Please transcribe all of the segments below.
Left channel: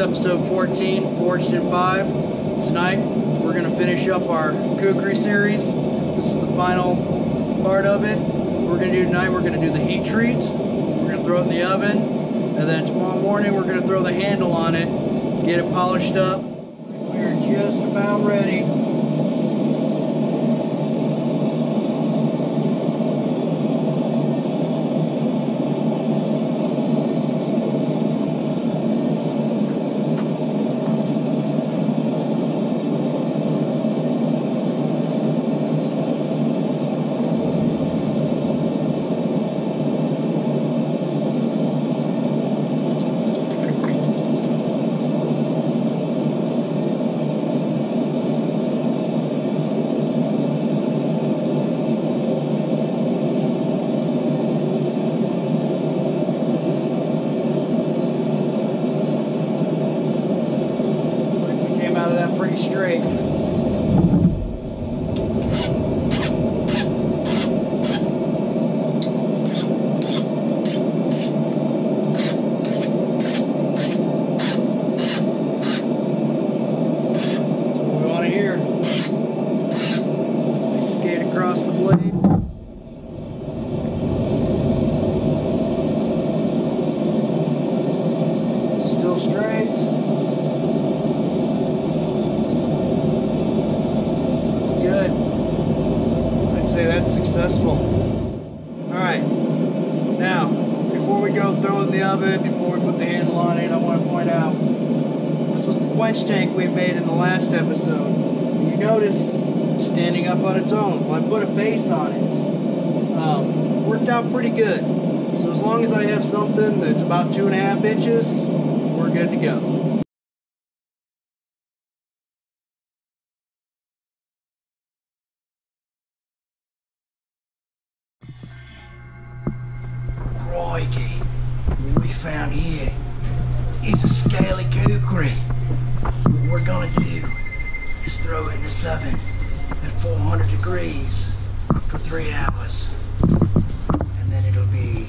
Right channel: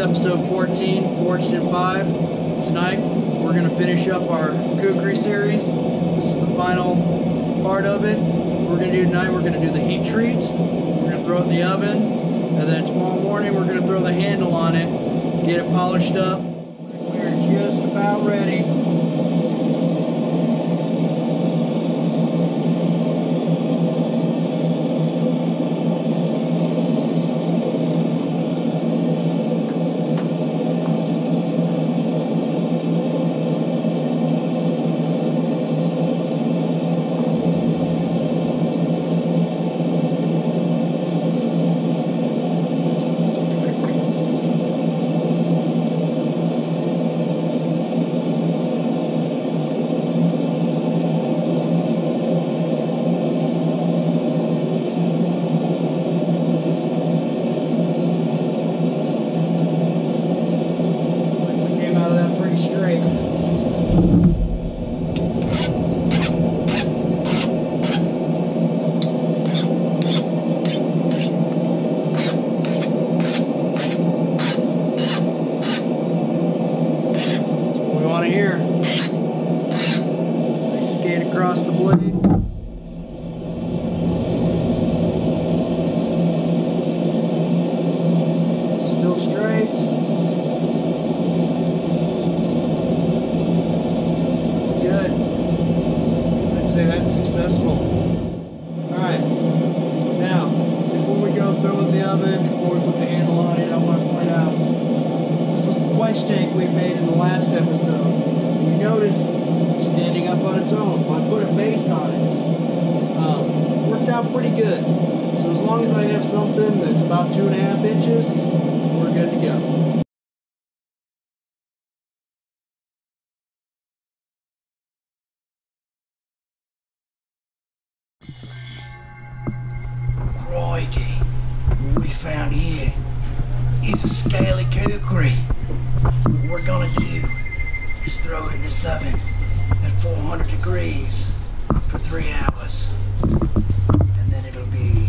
episode 14, Forged in 5. Tonight, we're going to finish up our Kukri series. This is the final part of it. What we're going to do tonight, we're going to do the heat treat. We're going to throw it in the oven. And then tomorrow morning, we're going to throw the handle on it, get it polished up. We're just about ready. Straight. Across the blade. Still straight. That's good. I'd say that's successful. Alright. Now, before we go throw it in the oven, before we put the handle on it, I want to point out this was the quench tank we made in the last episode. You notice standing up on its own. If I put a base on it, worked out pretty good. So as long as I have something that's about 2.5 inches, we're good to go. Crikey, what we found here is a scaly kukri. What we're gonna do is throw it in this oven at 400 degrees for 3 hours, and then it'll be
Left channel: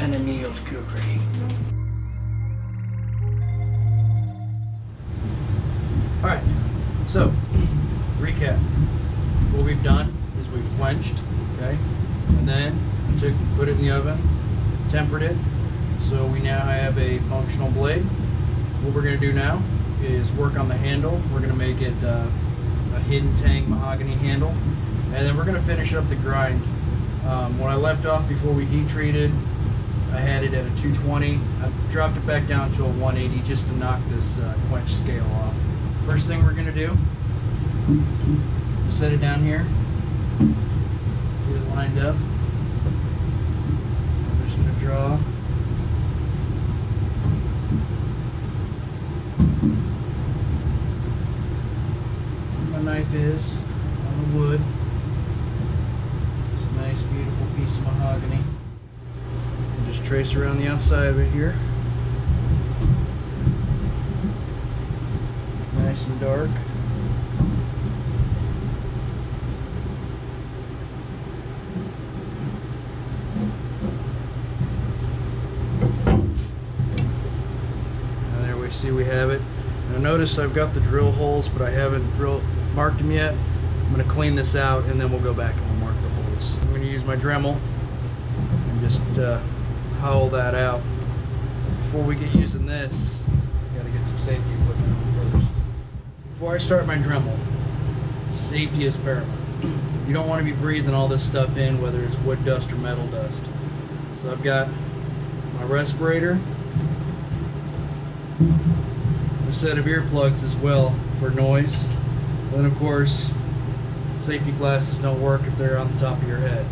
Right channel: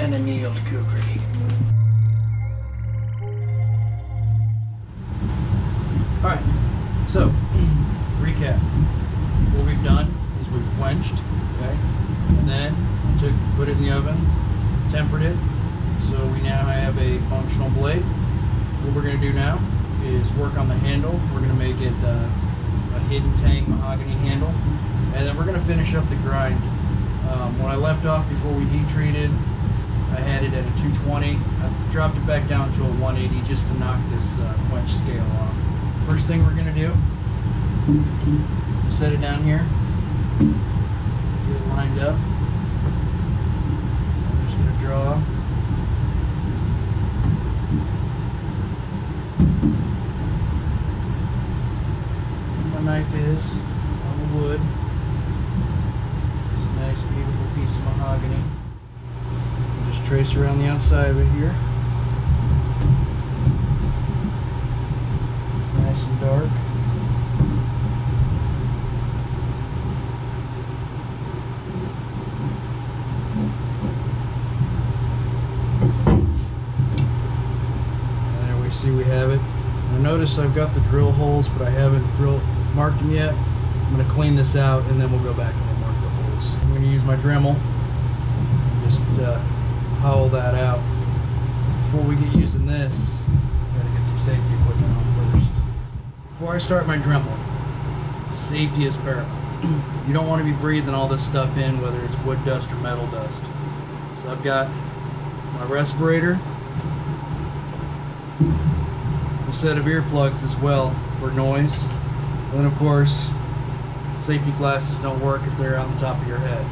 an annealed kukri. Alright, so recap. What we've done is we've quenched, okay, and then we put it in the oven, tempered it, so we now have a functional blade. What we're going to do now is work on the handle. We're going to make it a hidden tang mahogany handle, and then we're going to finish up the grind. When I left off before we heat treated, I had it at a 220. I dropped it back down to a 180 just to knock this quench scale off. First thing we're going to do, we'll set it down here, get it lined up. I'm just going to draw my knife is on the wood. It's a nice beautiful piece of mahogany. And just trace around the outside of it here. Nice and dark. And there we see we have it. Now notice I've got the drill holes, but I haven't marked them yet. I'm going to clean this out and then we'll go back and we'll mark the holes. I'm going to use my Dremel and just hollow that out. But before we get using this, I got to get some safety equipment on first. Before I start my Dremel, safety is paramount. You don't want to be breathing all this stuff in, whether it's wood dust or metal dust. So I've got my respirator, a set of earplugs as well for noise, and then of course safety glasses don't work if they're on the top of your head.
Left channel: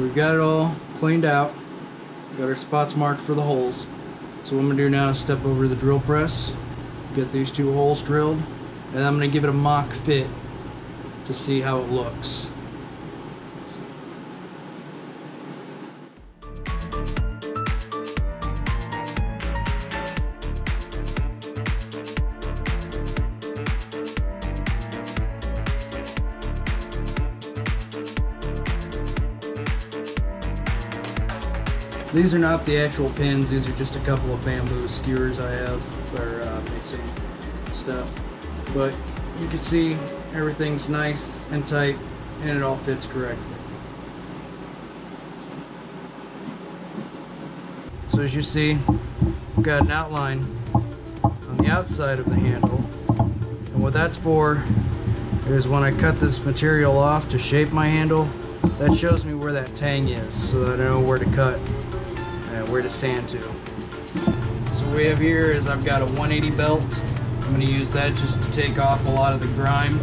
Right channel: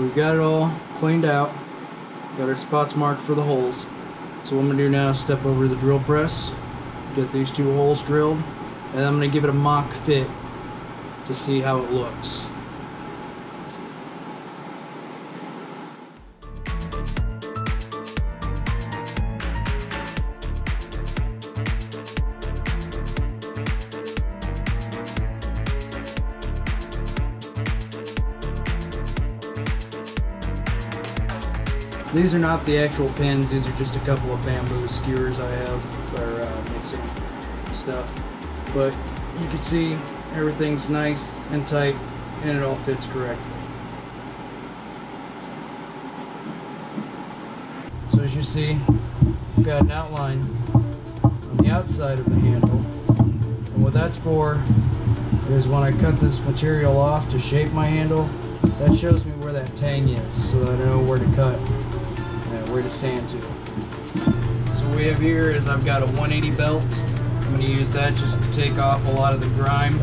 So we've got it all cleaned out. Got our spots marked for the holes. So what I'm going to do now is step over to the drill press, get these 2 holes drilled, and I'm going to give it a mock fit to see how it looks. These are not the actual pins, these are just a couple of bamboo skewers I have for mixing stuff. But you can see everything's nice and tight and it all fits correctly. So as you see, I've got an outline on the outside of the handle. And what that's for is when I cut this material off to shape my handle, that shows me where that tang is so that I know where to cut. Where to sand to. So what we have here is I've got a 180 belt. I'm going to use that just to take off a lot of the grime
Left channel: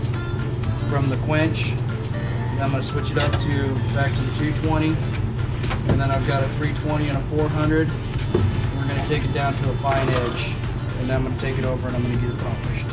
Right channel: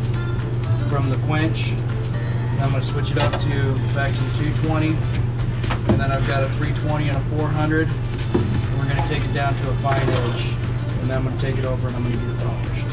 from the quench. And I'm going to switch it up to back to the 220, and then I've got a 320 and a 400. And we're going to take it down to a fine edge, and then I'm going to take it over and I'm going to get it polished.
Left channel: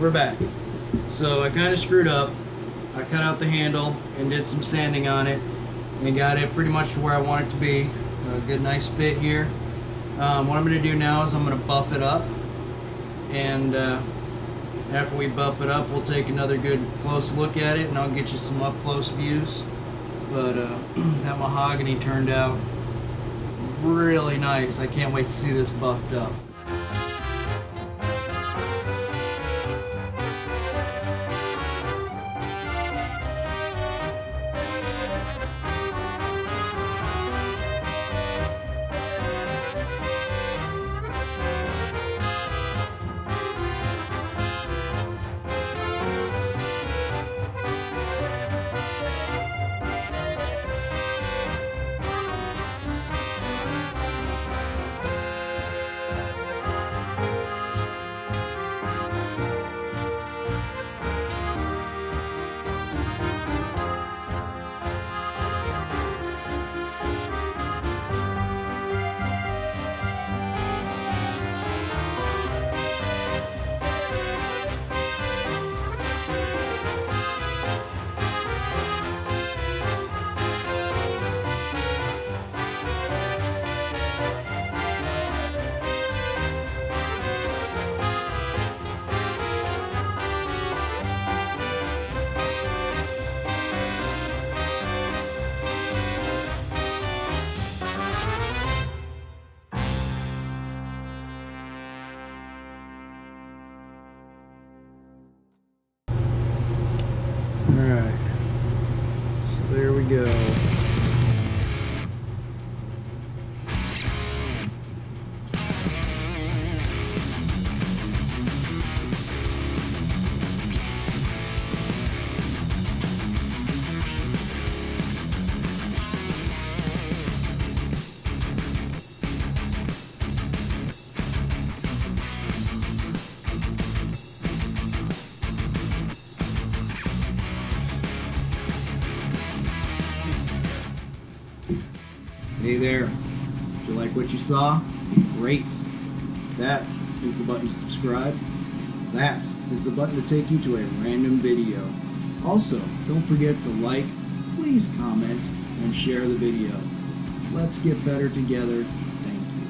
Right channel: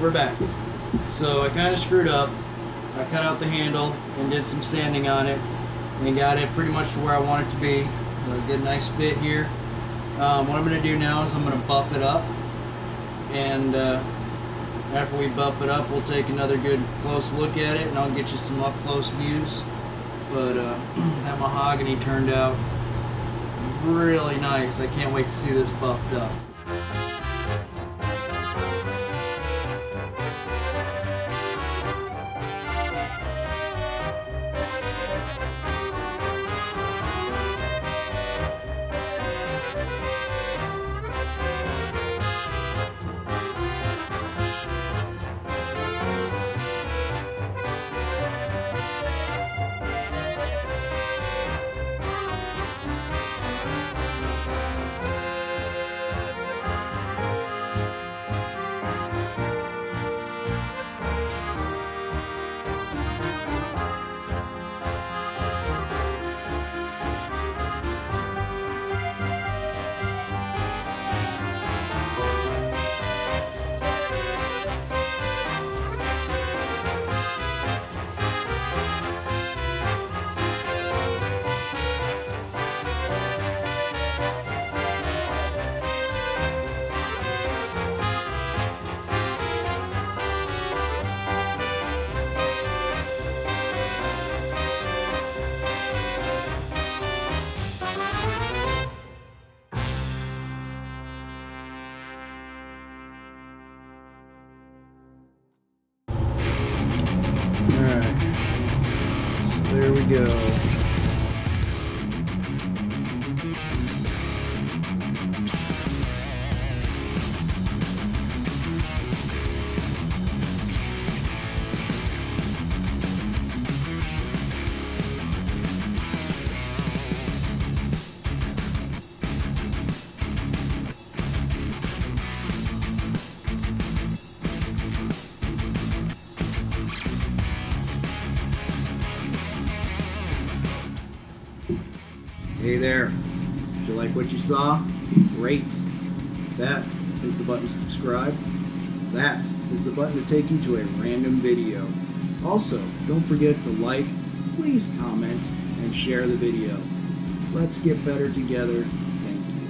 We're back. So I kind of screwed up. I cut out the handle and did some sanding on it and got it pretty much to where I want it to be. A good nice fit here. What I'm going to do now is I'm going to buff it up, and after we buff it up we'll take another good close look at it and I'll get you some up close views. But that mahogany turned out really nice. I can't wait to see this buffed up. Alright, so there we go. Hey there. If you like what you saw, great. That is the button to subscribe. That is the button to take you to a random video. Also, don't forget to like, please comment, and share the video. Let's get better together. Thank you.